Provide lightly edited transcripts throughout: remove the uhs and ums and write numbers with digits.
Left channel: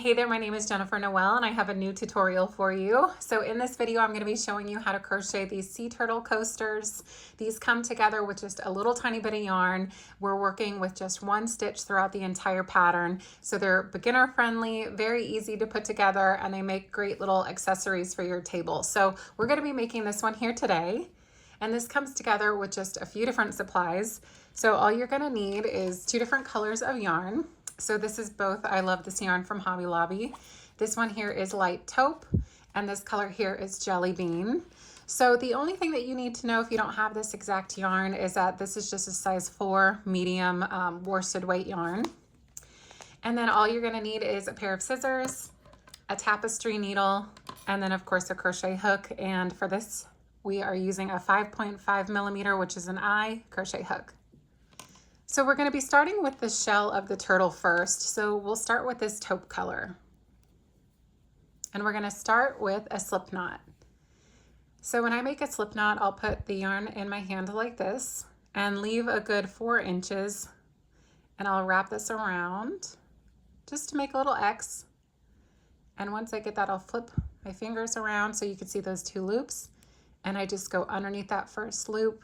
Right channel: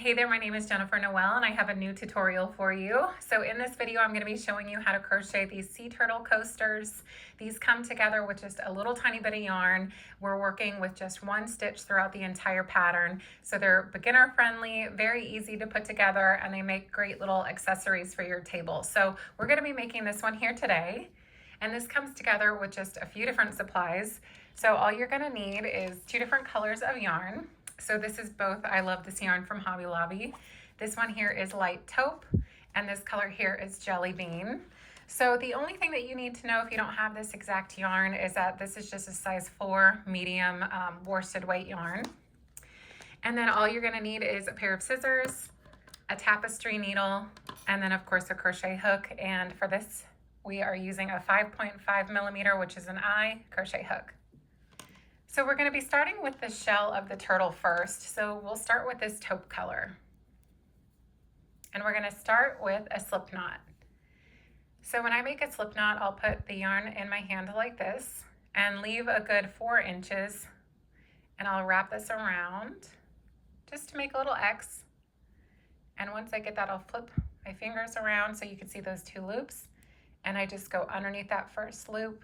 Hey there, my name is Jennifer Noel and I have a new tutorial for you. So in this video, I'm going to be showing you how to crochet these sea turtle coasters. These come together with just a little tiny bit of yarn. We're working with just one stitch throughout the entire pattern. So they're beginner friendly, very easy to put together, and they make great little accessories for your table. So we're going to be making this one here today. And this comes together with just a few different supplies. So all you're going to need is 2 different colors of yarn. So this is both, I love this yarn from Hobby Lobby. This one here is light taupe, and this color here is jelly bean. So the only thing that you need to know if you don't have this exact yarn is that this is just a size 4 medium worsted weight yarn. And then all you're gonna need is a pair of scissors, a tapestry needle, and then of course a crochet hook. And for this, we are using a 5.5 millimeter, which is an I crochet hook. So we're going to be starting with the shell of the turtle first. So we'll start with this taupe color. And we're going to start with a slip knot. So when I make a slip knot, I'll put the yarn in my hand like this and leave a good 4 inches. And I'll wrap this around just to make a little X. And once I get that, I'll flip my fingers around so you can see those 2 loops. And I just go underneath that first loop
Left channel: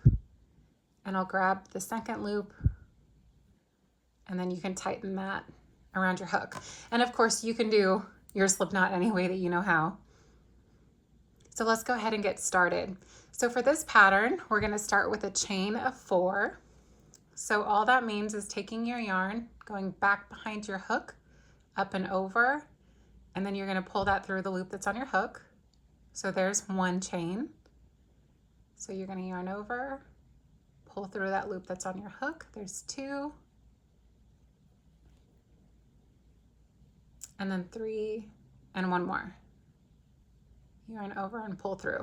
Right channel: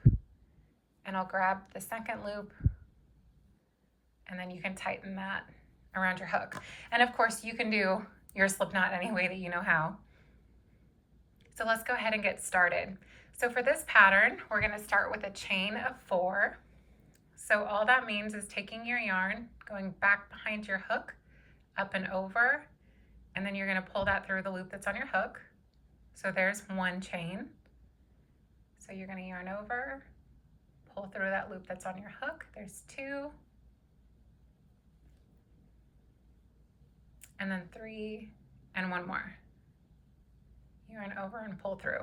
and I'll grab the second loop. And then you can tighten that around your hook. And of course you can do your slip knot any way that you know how. So let's go ahead and get started. So for this pattern, we're going to start with a chain of 4. So all that means is taking your yarn, going back behind your hook, up and over, and then you're going to pull that through the loop that's on your hook. So there's 1 chain. So you're going to yarn over, pull through that loop that's on your hook. There's 2. And then 3 and 1 more. Yarn over and pull through.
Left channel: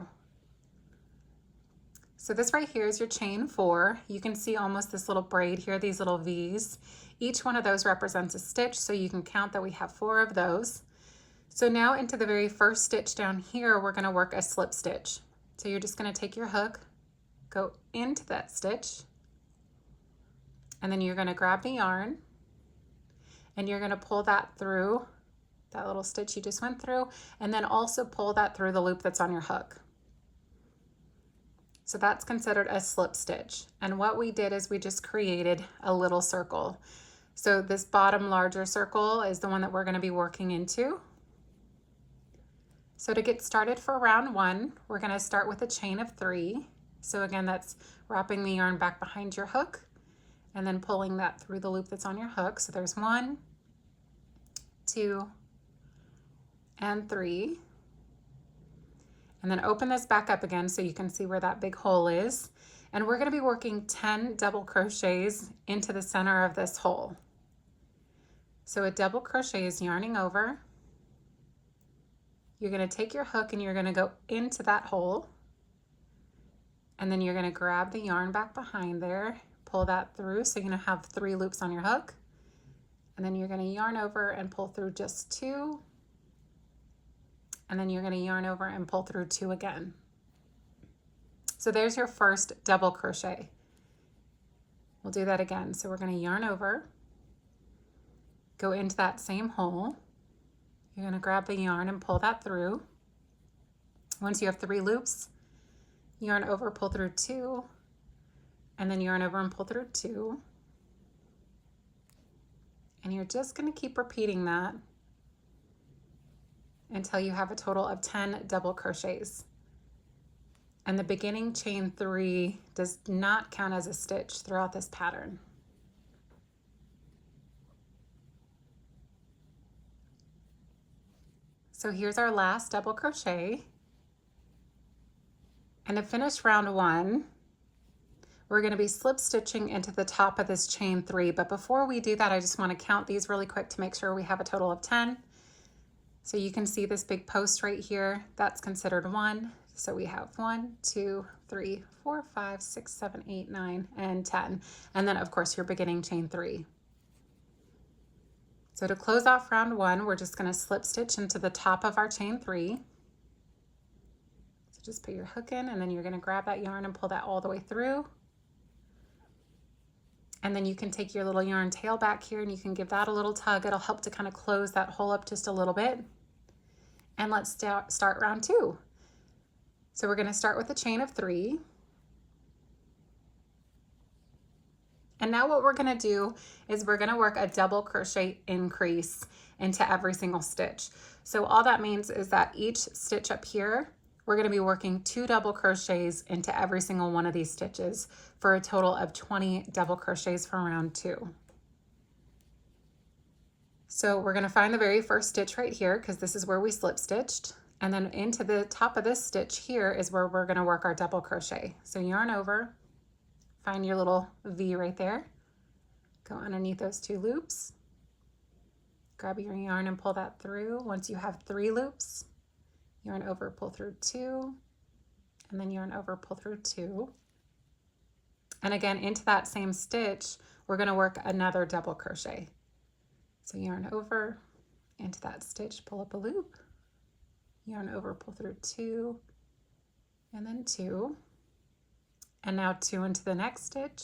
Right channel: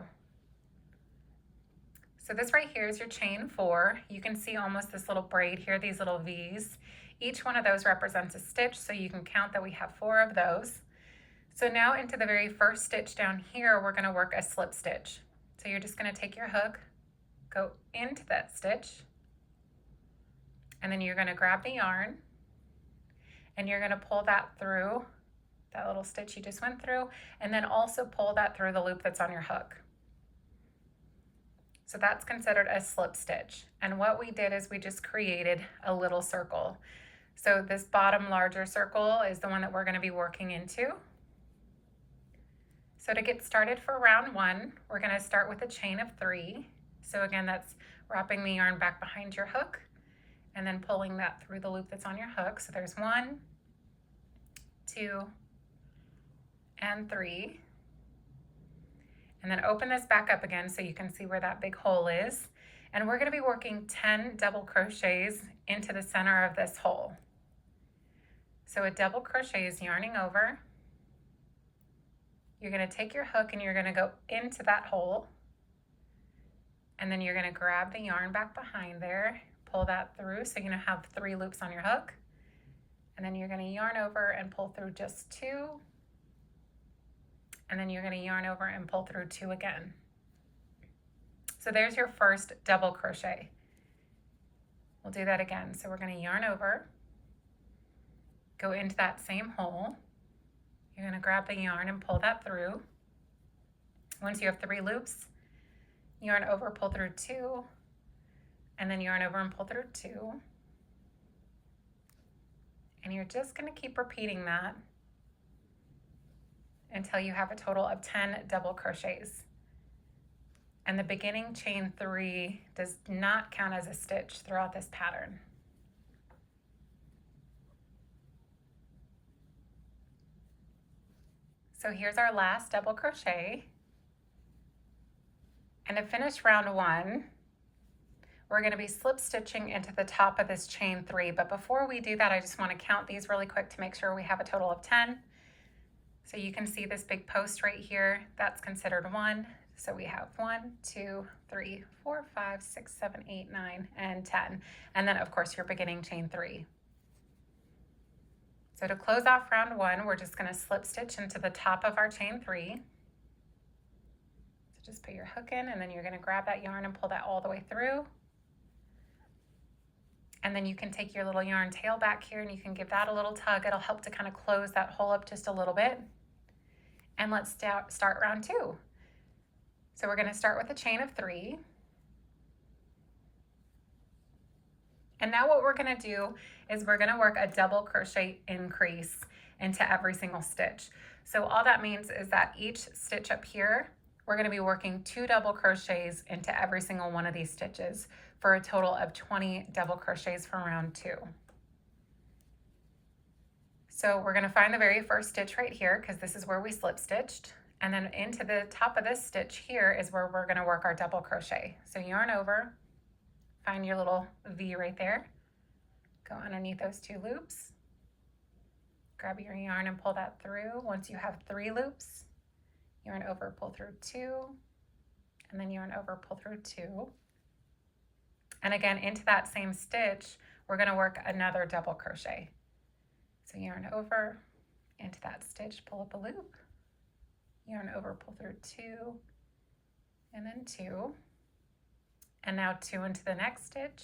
So this right here is your chain 4. You can see almost this little braid here, these little V's. Each one of those represents a stitch, so you can count that we have 4 of those. So now into the very first stitch down here, we're going to work a slip stitch. So you're just going to take your hook, go into that stitch, and then you're going to grab the yarn, and you're going to pull that through that little stitch you just went through, and then also pull that through the loop that's on your hook. So that's considered a slip stitch. And what we did is we just created a little circle. So this bottom larger circle is the one that we're going to be working into. So to get started for round 1, we're going to start with a chain of 3. So again, that's wrapping the yarn back behind your hook and then pulling that through the loop that's on your hook. So there's 1, 2, and 3, and then open this back up again so you can see where that big hole is, and we're going to be working 10 double crochets into the center of this hole. So a double crochet is yarning over, you're going to take your hook and you're going to go into that hole, and then you're going to grab the yarn back behind there, pull that through so you're going to have 3 loops on your hook, and then you're going to yarn over and pull through just 2, and then you're going to yarn over and pull through 2 again. So there's your first double crochet. We'll do that again. So we're going to yarn over, go into that same hole. You're going to grab the yarn and pull that through. Once you have 3 loops, yarn over, pull through 2, and then yarn over and pull through 2. And you're just going to keep repeating that until you have a total of 10 double crochets. And the beginning chain 3 does not count as a stitch throughout this pattern. So here's our last double crochet. And to finish round 1, we're going to be slip stitching into the top of this chain 3. But before we do that, I just want to count these really quick to make sure we have a total of 10. So you can see this big post right here, that's considered 1. So we have 1, 2, 3, 4, 5, 6, 7, 8, 9, and 10. And then of course your beginning chain 3. So to close off round 1, we're just going to slip stitch into the top of our chain 3. So just put your hook in, and then you're going to grab that yarn and pull that all the way through. And then you can take your little yarn tail back here and you can give that a little tug. It'll help to kind of close that hole up just a little bit. And let's start round 2. So we're going to start with a chain of 3. And now what we're going to do is we're going to work a double crochet increase into every single stitch. So all that means is that each stitch up here, we're going to be working 2 double crochets into every single one of these stitches for a total of 20 double crochets for round 2. So we're going to find the very first stitch right here because this is where we slip stitched, and then into the top of this stitch here is where we're going to work our double crochet. So yarn over, find your little V right there, go underneath those 2 loops, grab your yarn and pull that through. Once you have 3 loops, yarn over, pull through 2, and then yarn over, pull through 2. And again, into that same stitch, we're going to work another double crochet. So yarn over, into that stitch, pull up a loop, yarn over, pull through 2, and then 2, and now 2 into the next stitch,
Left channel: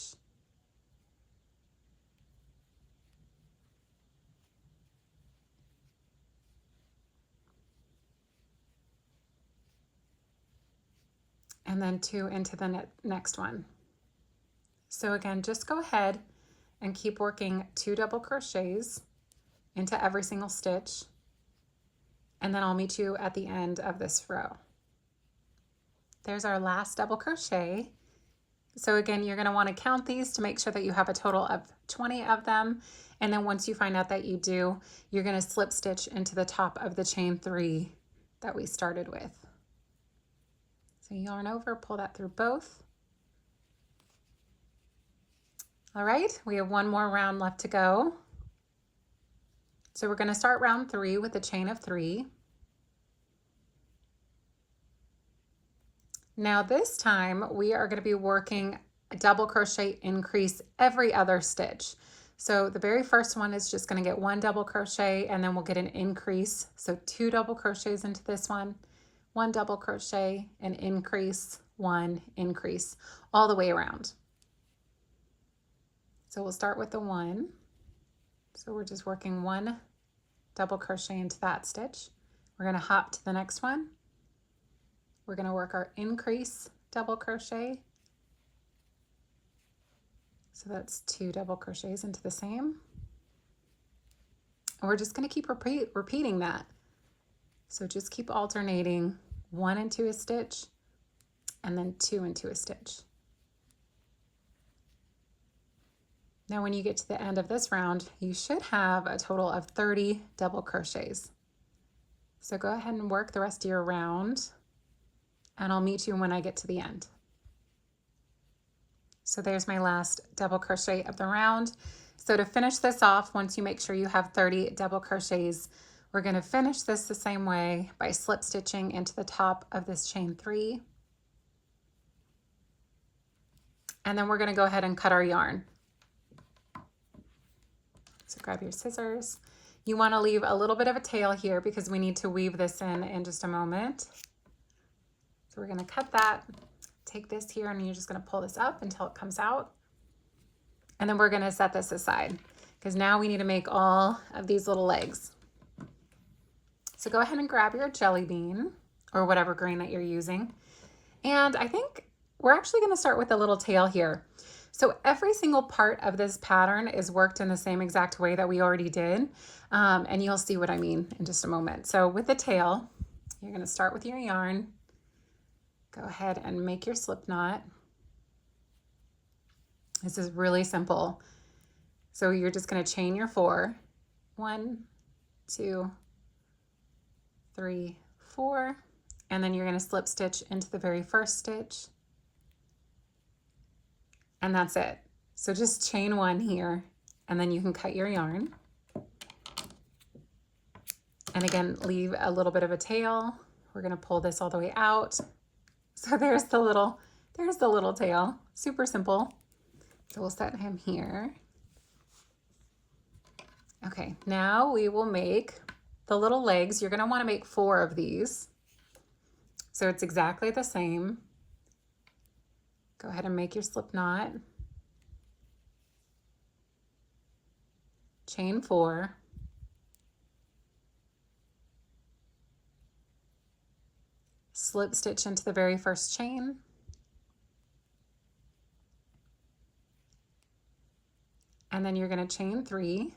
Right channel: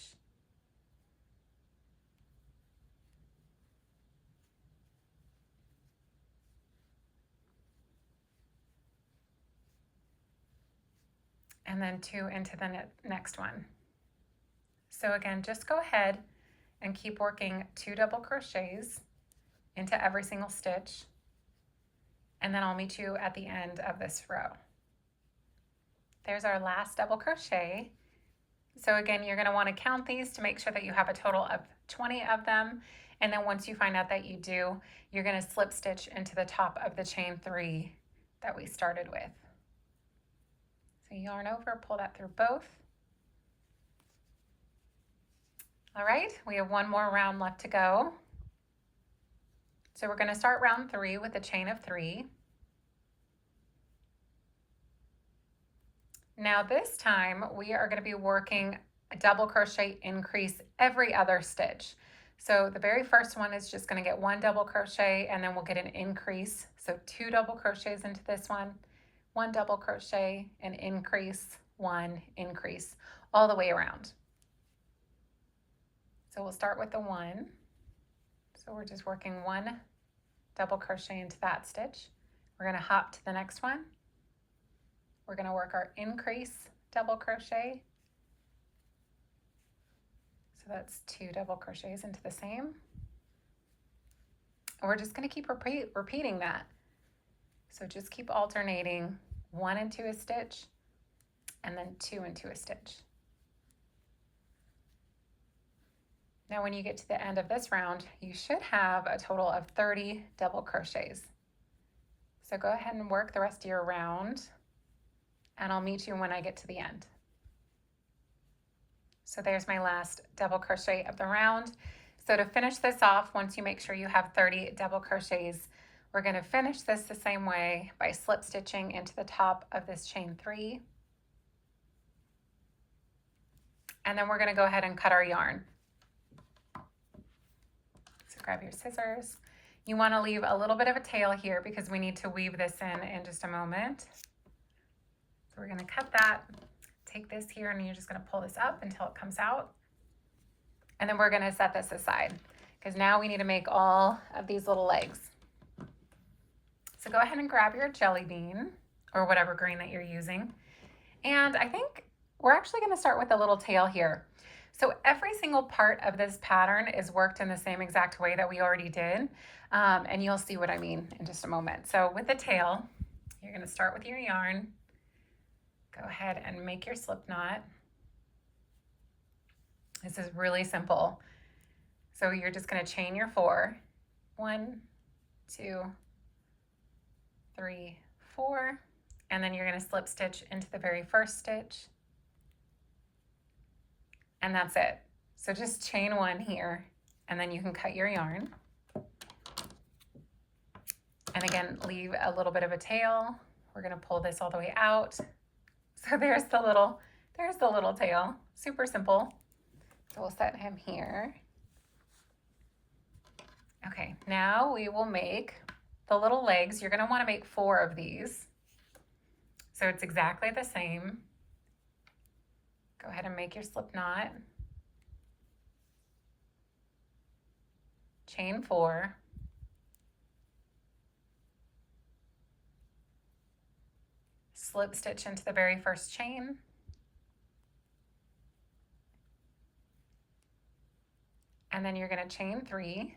and then 2 into the next one. So again, just go ahead and keep working 2 double crochets into every single stitch, and then I'll meet you at the end of this row. There's our last double crochet. So again, you're going to want to count these to make sure that you have a total of 20 of them, and then once you find out that you do, you're going to slip stitch into the top of the chain 3 that we started with. So yarn over, pull that through both. All right, we have one more round left to go. So we're going to start round 3 with a chain of 3. Now this time we are going to be working a double crochet increase every other stitch. So the very first one is just going to get 1 double crochet, and then we'll get an increase. So 2 double crochets into this one, 1 double crochet, an increase, 1 increase, all the way around. So we'll start with the 1. So we're just working 1 double crochet into that stitch. We're going to hop to the next one. We're going to work our increase double crochet. So that's 2 double crochets into the same. And we're just going to keep repeating that. So just keep alternating 1 into a stitch and then 2 into a stitch. Now when you get to the end of this round, you should have a total of 30 double crochets. So go ahead and work the rest of your round, and I'll meet you when I get to the end. So there's my last double crochet of the round. So to finish this off, once you make sure you have 30 double crochets, we're going to finish this the same way by slip stitching into the top of this chain 3. And then we're going to go ahead and cut our yarn. So grab your scissors. You want to leave a little bit of a tail here because we need to weave this in just a moment. So we're going to cut that, take this here, and you're just going to pull this up until it comes out. And then we're going to set this aside because now we need to make all of these little legs. So go ahead and grab your jelly bean or whatever grain that you're using. And I think we're actually going to start with a little tail here. So every single part of this pattern is worked in the same exact way that we already did. And you'll see what I mean in just a moment. So with the tail, you're going to start with your yarn. Go ahead and make your slip knot. This is really simple. So you're just going to chain your 4. 1, 2, 3, 4. And then you're going to slip stitch into the very first stitch. And that's it. So just chain 1 here, and then you can cut your yarn. And again, leave a little bit of a tail. We're going to pull this all the way out. So there's the little tail. Super simple. So we'll set him here. Okay, now we will make the little legs. You're going to want to make 4 of these. So it's exactly the same. Go ahead and make your slip knot. chain 4, slip stitch into the very first chain, and then you're going to chain 3.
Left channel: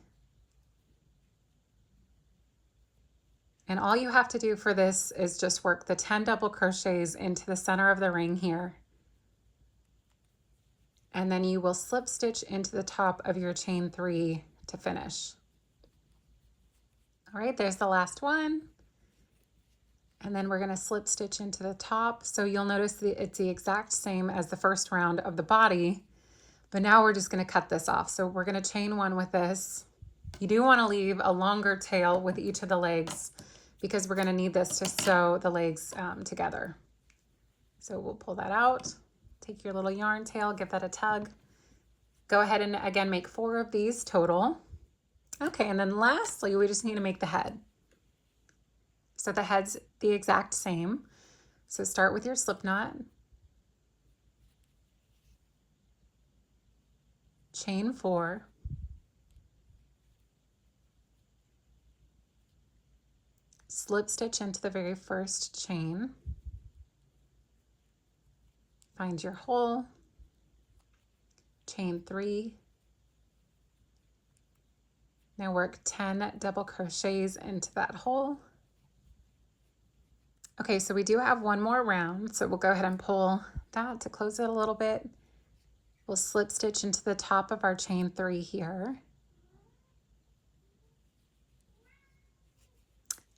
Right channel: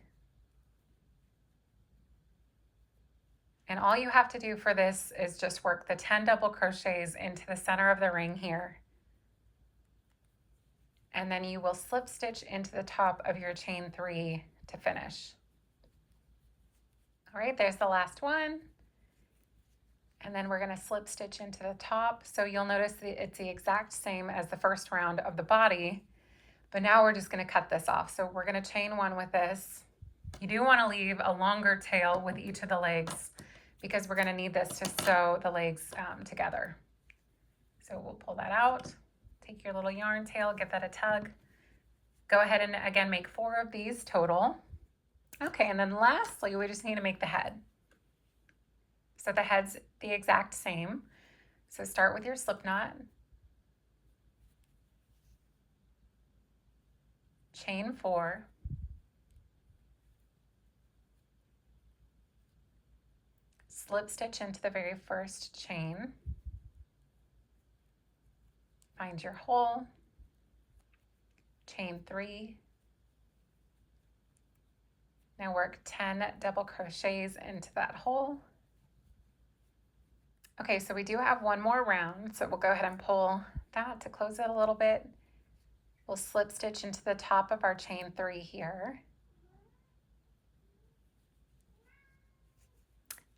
And all you have to do for this is just work the 10 double crochets into the center of the ring here. And then you will slip stitch into the top of your chain 3 to finish. All right, there's the last one. And then we're going to slip stitch into the top. So you'll notice that it's the exact same as the first round of the body, but now we're just going to cut this off. So we're going to chain 1 with this. You do want to leave a longer tail with each of the legs, because we're going to need this to sew the legs together. So we'll pull that out, take your little yarn tail, give that a tug. Go ahead and again make 4 of these total. Okay, and then lastly, we just need to make the head. So the head's the exact same. So start with your slip knot, chain 4, slip stitch into the very first chain, find your hole, chain 3, now work 10 double crochets into that hole. Okay, so we do have one more round, so we'll go ahead and pull that to close it a little bit. We'll slip stitch into the top of our chain 3 here.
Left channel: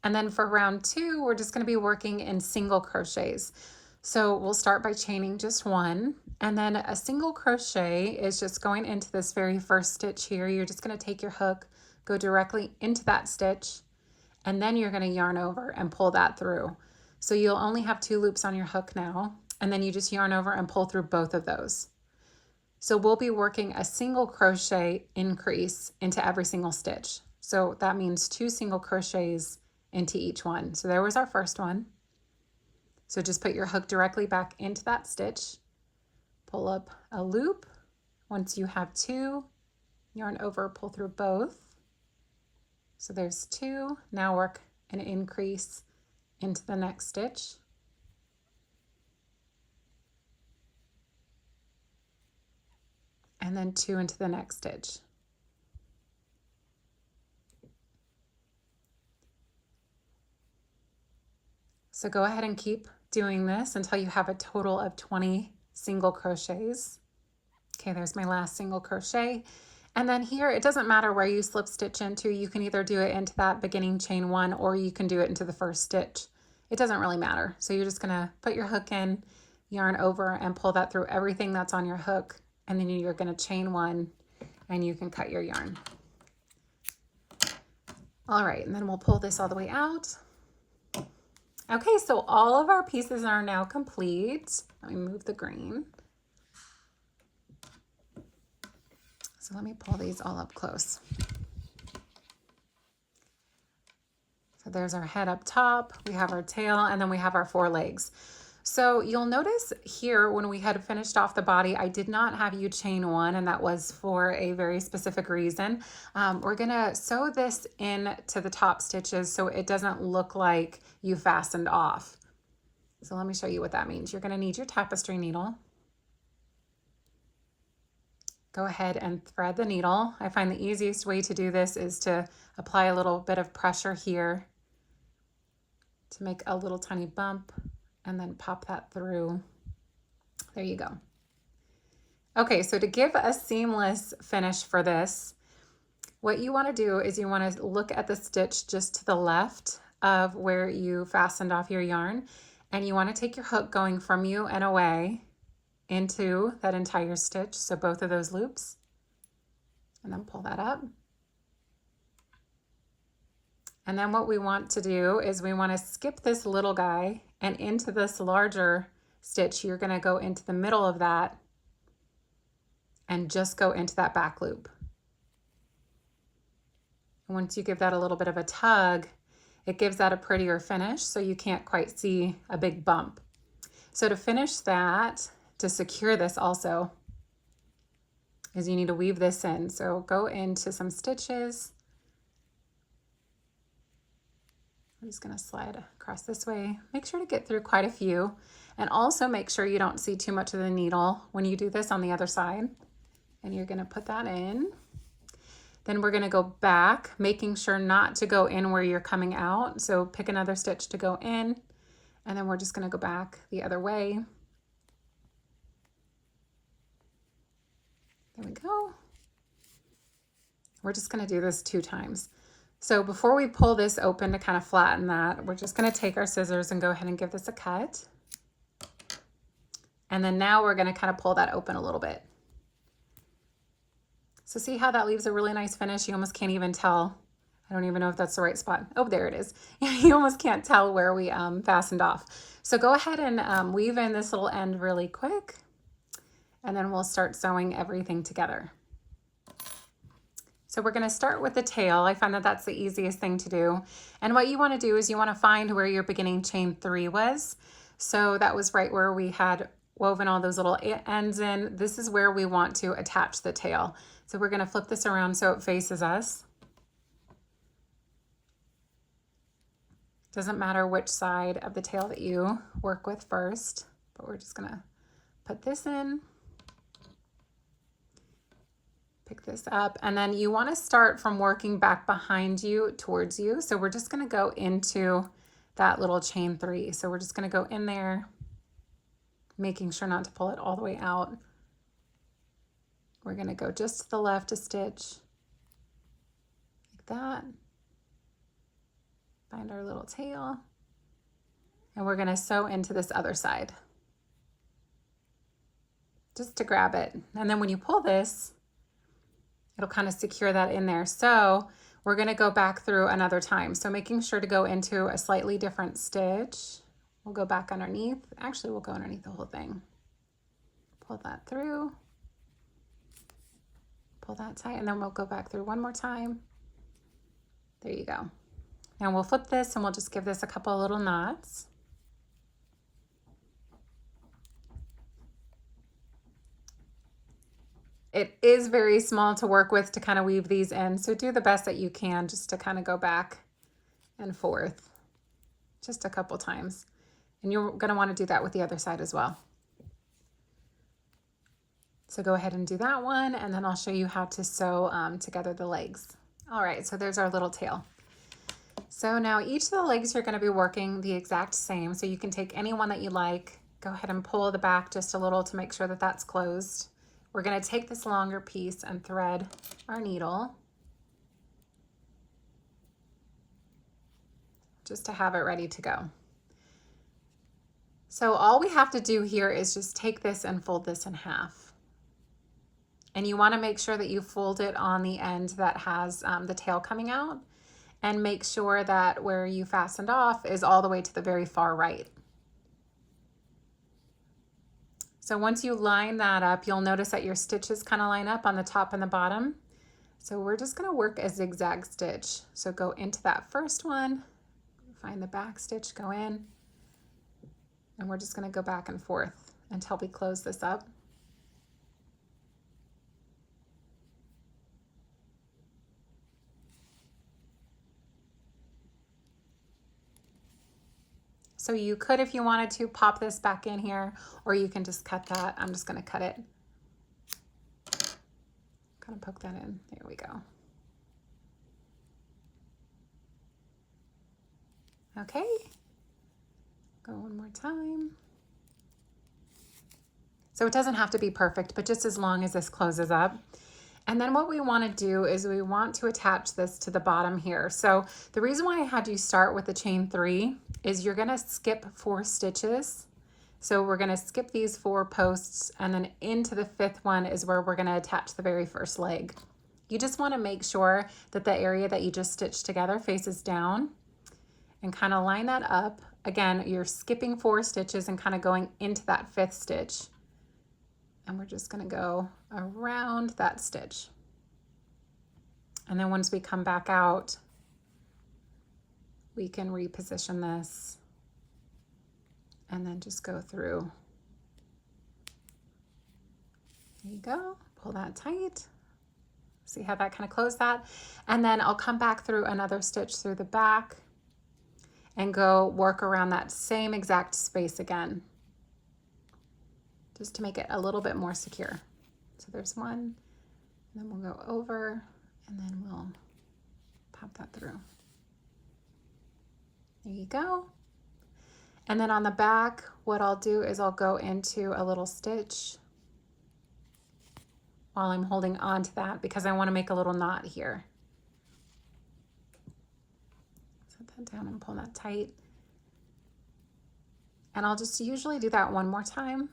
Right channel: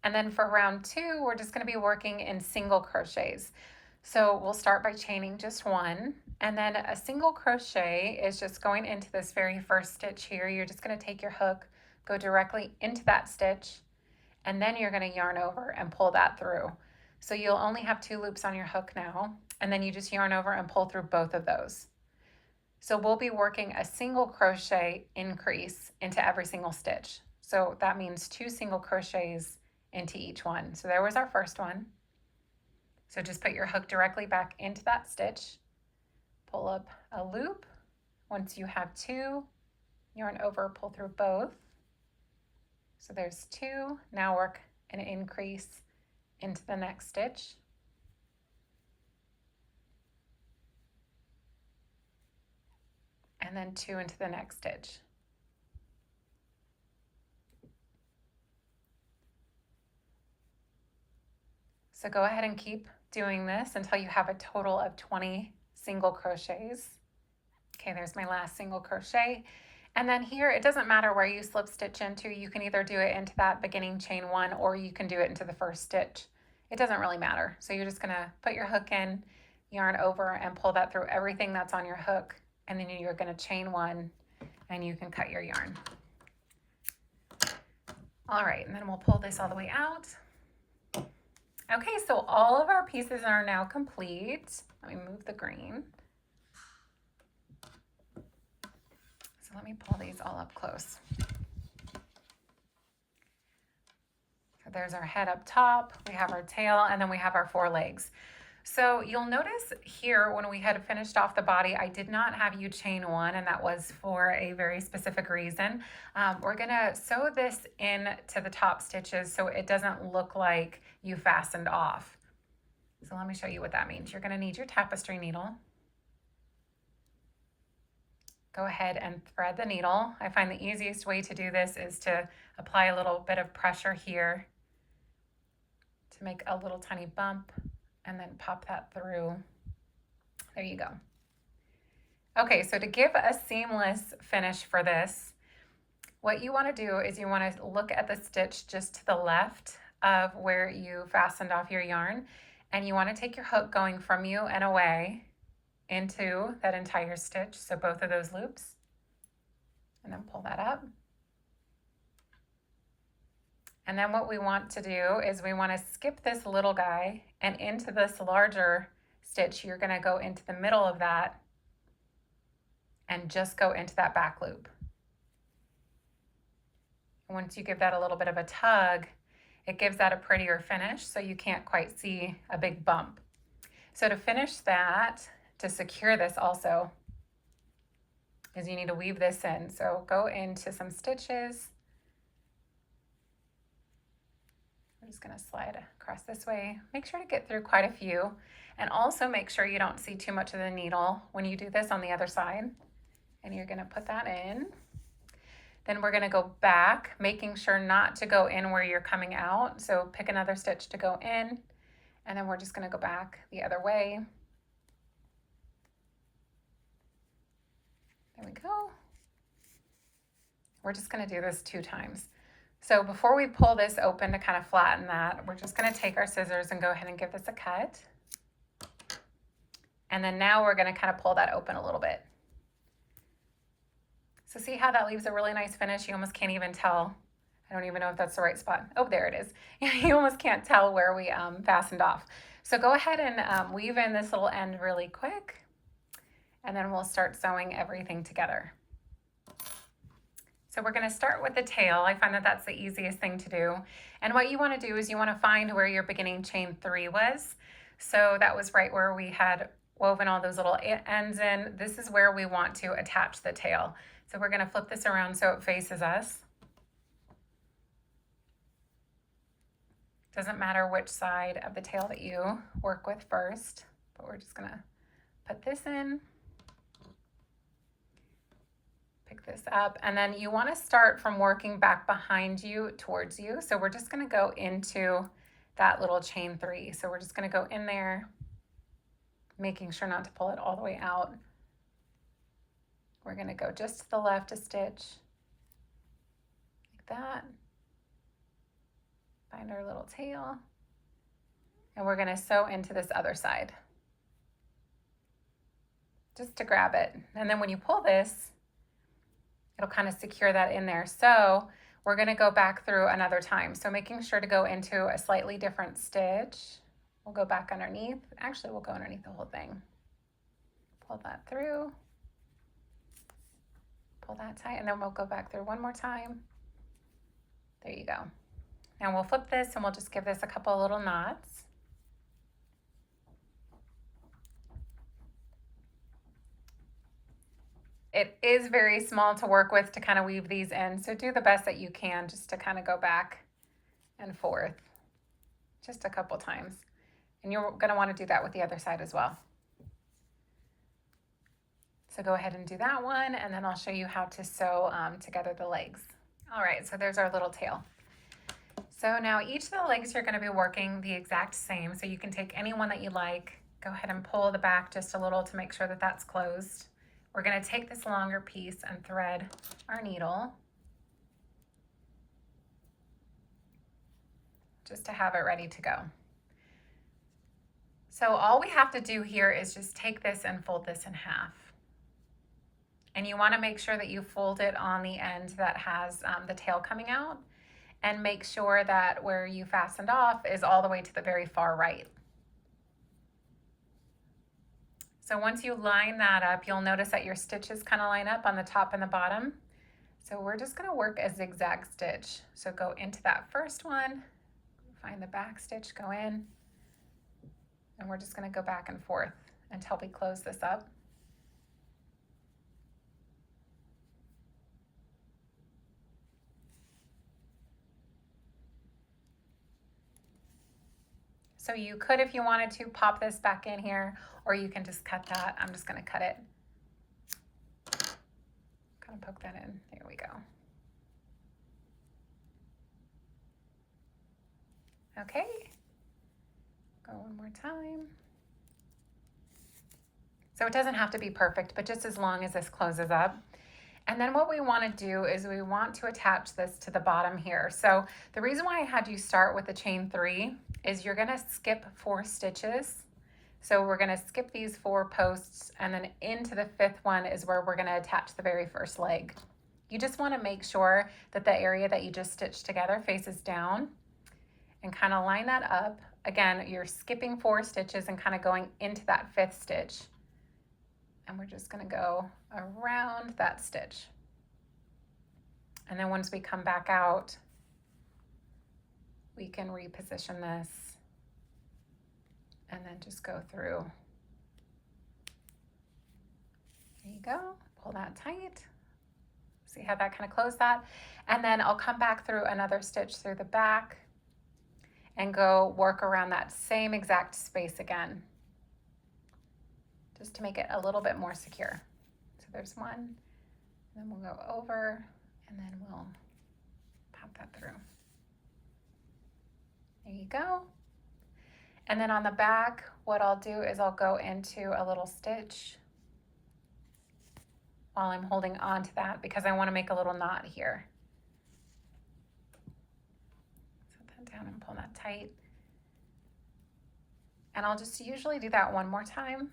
And then for round 2, we're just going to be working in single crochets. So we'll start by chaining just 1, and then a single crochet is just going into this very first stitch here. You're just going to take your hook, go directly into that stitch, and then you're going to yarn over and pull that through. So you'll only have 2 loops on your hook now, and then you just yarn over and pull through both of those. So we'll be working a single crochet increase into every single stitch. So that means 2 single crochets into each one. So there was our first one. So just put your hook directly back into that stitch, pull up a loop. Once you have 2, yarn over, pull through both. So there's 2. Now work an increase into the next stitch. And then 2 into the next stitch. So go ahead and keep doing this until you have a total of 20 single crochets. Okay, there's my last single crochet. And then here, it doesn't matter where you slip stitch into. You can either do it into that beginning chain 1, or you can do it into the first stitch. It doesn't really matter. So you're just gonna put your hook in, yarn over, and pull that through everything that's on your hook. And then you're gonna chain 1, and you can cut your yarn. All right, and then we'll pull this all the way out. Okay, so all of our pieces are now complete. Let me move the green. So let me pull these all up close. So there's our head up top, we have our tail, and then we have our 4 legs. So you'll notice here when we had finished off the body, I did not have you chain 1, and that was for a very specific reason. We're gonna sew this in to the top stitches so it doesn't look like you fastened off. So let me show you what that means. You're gonna need your tapestry needle. Go ahead and thread the needle. I find the easiest way to do this is to apply a little bit of pressure here to make a little tiny bump, and then pop that through. There you go. Okay, so to give a seamless finish for this, what you want to do is you want to look at the stitch just to the left of where you fastened off your yarn, and you want to take your hook going from you and away into that entire stitch, so both of those loops, and then pull that up. And then what we want to do is we want to skip this little guy, and into this larger stitch, you're going to go into the middle of that and just go into that back loop. Once you give that a little bit of a tug, it gives that a prettier finish, so you can't quite see a big bump. So to finish that, to secure this also, is you need to weave this in. So go into some stitches. I'm just going to slide across this way. Make sure to get through quite a few, and also make sure you don't see too much of the needle when you do this on the other side. And you're going to put that in. Then we're going to go back, making sure not to go in where you're coming out. So pick another stitch to go in, and then we're just going to go back the other way. There we go. We're just going to do this 2 times. So before we pull this open to kind of flatten that, we're just going to take our scissors and go ahead and give this a cut. And then now we're going to kind of pull that open a little bit. So see how that leaves a really nice finish? You almost can't even tell. I don't even know if that's the right spot. Oh, there it is. You almost can't tell where we fastened off. So go ahead and weave in this little end really quick, and then we'll start sewing everything together. So we're going to start with the tail. I find that that's the easiest thing to do. And what you want to do is you want to find where your beginning chain 3 was. So that was right where we had woven all those little ends in. This is where we want to attach the tail. So we're going to flip this around so it faces us. Doesn't matter which side of the tail that you work with first, but we're just going to put this in. Pick this up, and then you want to start from working back behind you towards you. So we're just going to go into that little chain 3. So we're just going to go in there, making sure not to pull it all the way out. We're going to go just to the left a stitch, like that. Find our little tail, and we're going to sew into this other side, just to grab it. And then when you pull this, it'll kind of secure that in there. So we're going to go back through another time. So making sure to go into a slightly different stitch. We'll go back underneath. Actually, we'll go underneath the whole thing. Pull that through. Pull that tight, and then we'll go back through one more time. There you go. Now we'll flip this, and we'll just give this a couple of little knots. It is very small to work with to kind of weave these in, so do the best that you can just to kind of go back and forth just a couple times. And you're going to want to do that with the other side as well. So go ahead and do that one, and then I'll show you how to sew together the legs. All right, so there's our little tail. So now each of the legs you're going to be working the exact same, so you can take any one that you like. Go ahead and pull the back just a little to make sure that that's closed. We're going to take this longer piece and thread our needle just to have it ready to go. So all we have to do here is just take this and fold this in half. And you want to make sure that you fold it on the end that has the tail coming out, and make sure that where you fastened off is all the way to the very far right. So once you line that up, you'll notice that your stitches kind of line up on the top and the bottom. So we're just going to work a zigzag stitch. So go into that first one, find the back stitch, go in, and we're just going to go back and forth until we close this up. So you could, if you wanted to, pop this back in here, or you can just cut that. I'm just going to cut it. Kind of poke that in. There we go. Okay. Go one more time. So it doesn't have to be perfect, but just as long as this closes up. And then what we want to do is we want to attach this to the bottom here. So the reason why I had you start with the chain 3 is you're going to skip 4 stitches. So we're going to skip these 4 posts, and then into the 5th one is where we're going to attach the very first leg. You just want to make sure that the area that you just stitched together faces down, and kind of line that up. Again, you're skipping 4 stitches and kind of going into that 5th stitch. And we're just going to go around that stitch. And then once we come back out, we can reposition this and then just go through. There you go. pull that tight. See how that kind of closed that? And then I'll come back through another stitch through the back and go work around that same exact space again, just to make it a little bit more secure. So there's one, and then we'll go over, and then we'll pop that through. There you go. And then on the back, what I'll do is I'll go into a little stitch while I'm holding on to that, because I want to make a little knot here. Set that down and pull that tight. And I'll just usually do that one more time.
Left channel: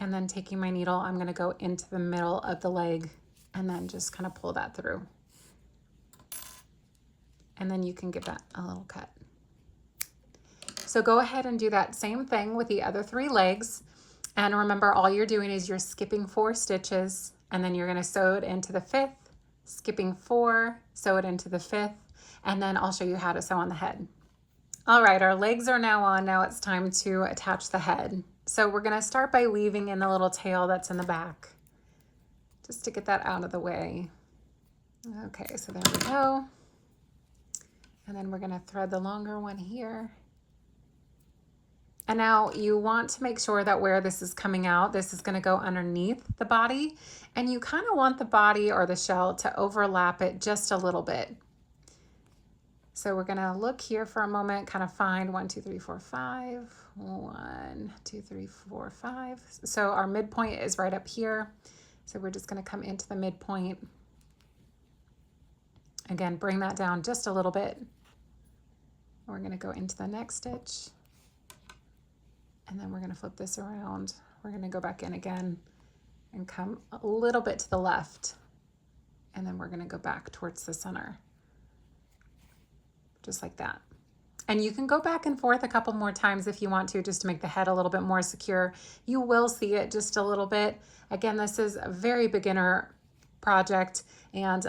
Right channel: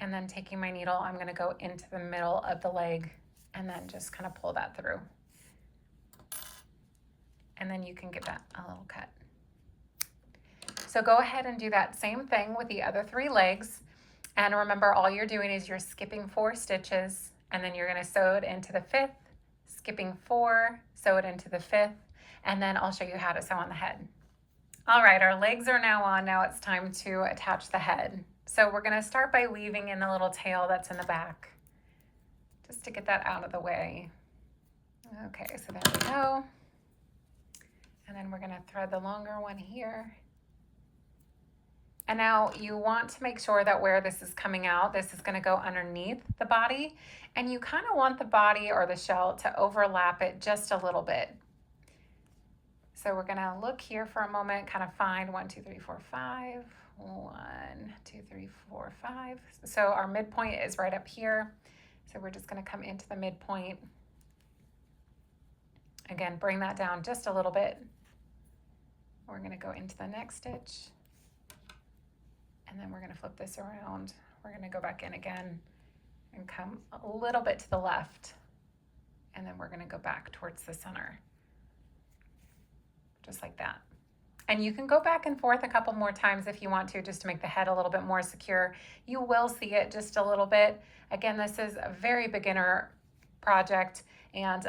And then taking my needle, I'm going to go into the middle of the leg and then just kind of pull that through. And then you can give that a little cut. So go ahead and do that same thing with the other 3 legs. And remember, all you're doing is you're skipping 4 stitches, and then you're going to sew it into the 5th, skipping 4, sew it into the 5th, and then I'll show you how to sew on the head. All right, our legs are now on. Now it's time to attach the head. So we're going to start by weaving in the little tail that's in the back, just to get that out of the way. Okay, so there we go. And then we're going to thread the longer one here. And now you want to make sure that where this is coming out, this is going to go underneath the body, and you kind of want the body or the shell to overlap it just a little bit. So we're going to look here for a moment, kind of find 1, 2, 3, 4, 5, 1, 2, 3, 4, 5. So our midpoint is right up here. So we're just going to come into the midpoint. Again, bring that down just a little bit. We're going to go into the next stitch. And then we're going to flip this around. We're going to go back in again and come a little bit to the left. And then we're going to go back towards the center. Just like that. And you can go back and forth a couple more times if you want to, just to make the head a little bit more secure. You will see it just a little bit. Again, this is a very beginner project, and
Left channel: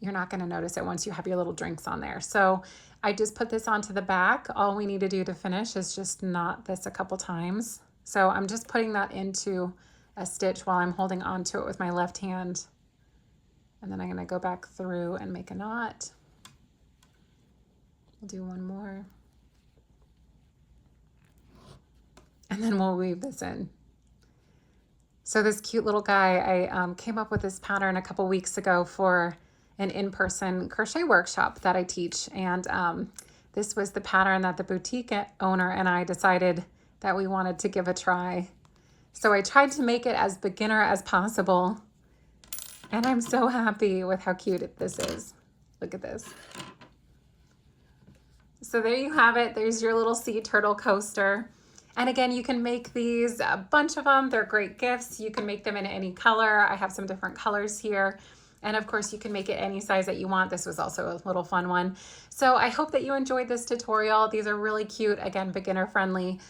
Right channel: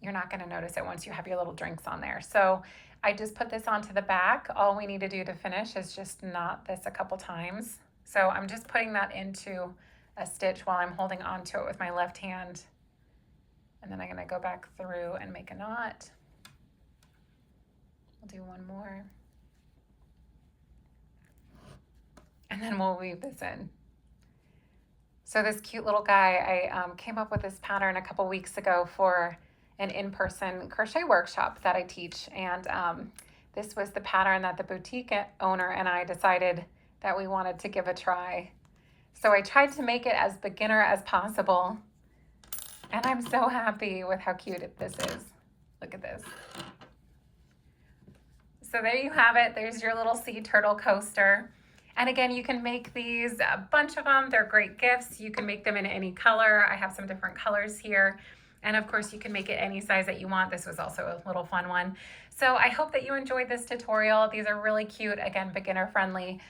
you're not going to notice it once you have your little drinks on there. So I just put this onto the back. All we need to do to finish is just knot this a couple times. So I'm just putting that into a stitch while I'm holding onto it with my left hand. And then I'm going to go back through and make a knot. We'll do one more. And then we'll weave this in. So this cute little guy, I came up with this pattern a couple weeks ago for an in-person crochet workshop that I teach. And this was the pattern that the boutique owner and I decided that we wanted to give a try. So I tried to make it as beginner as possible. And I'm so happy with how cute this is. Look at this. So there you have it. There's your little sea turtle coaster. And again, you can make these, a bunch of them. They're great gifts. You can make them in any color. I have some different colors here. And of course, you can make it any size that you want. This was also a little fun one. So I hope that you enjoyed this tutorial. These are really cute, again, beginner friendly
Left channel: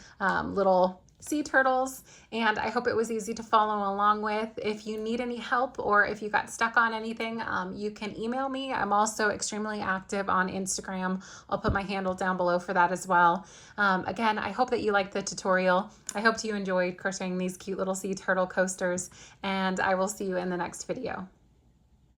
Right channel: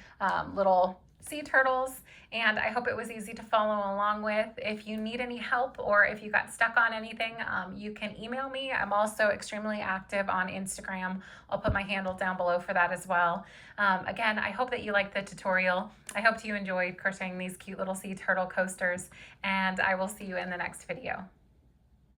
little sea turtles, and I hope it was easy to follow along with. If you need any help or if you got stuck on anything, you can email me. I'm also extremely active on Instagram. I'll put my handle down below for that as well. Again, I hope that you liked the tutorial. I hope you enjoyed crocheting these cute little sea turtle coasters, and I will see you in the next video.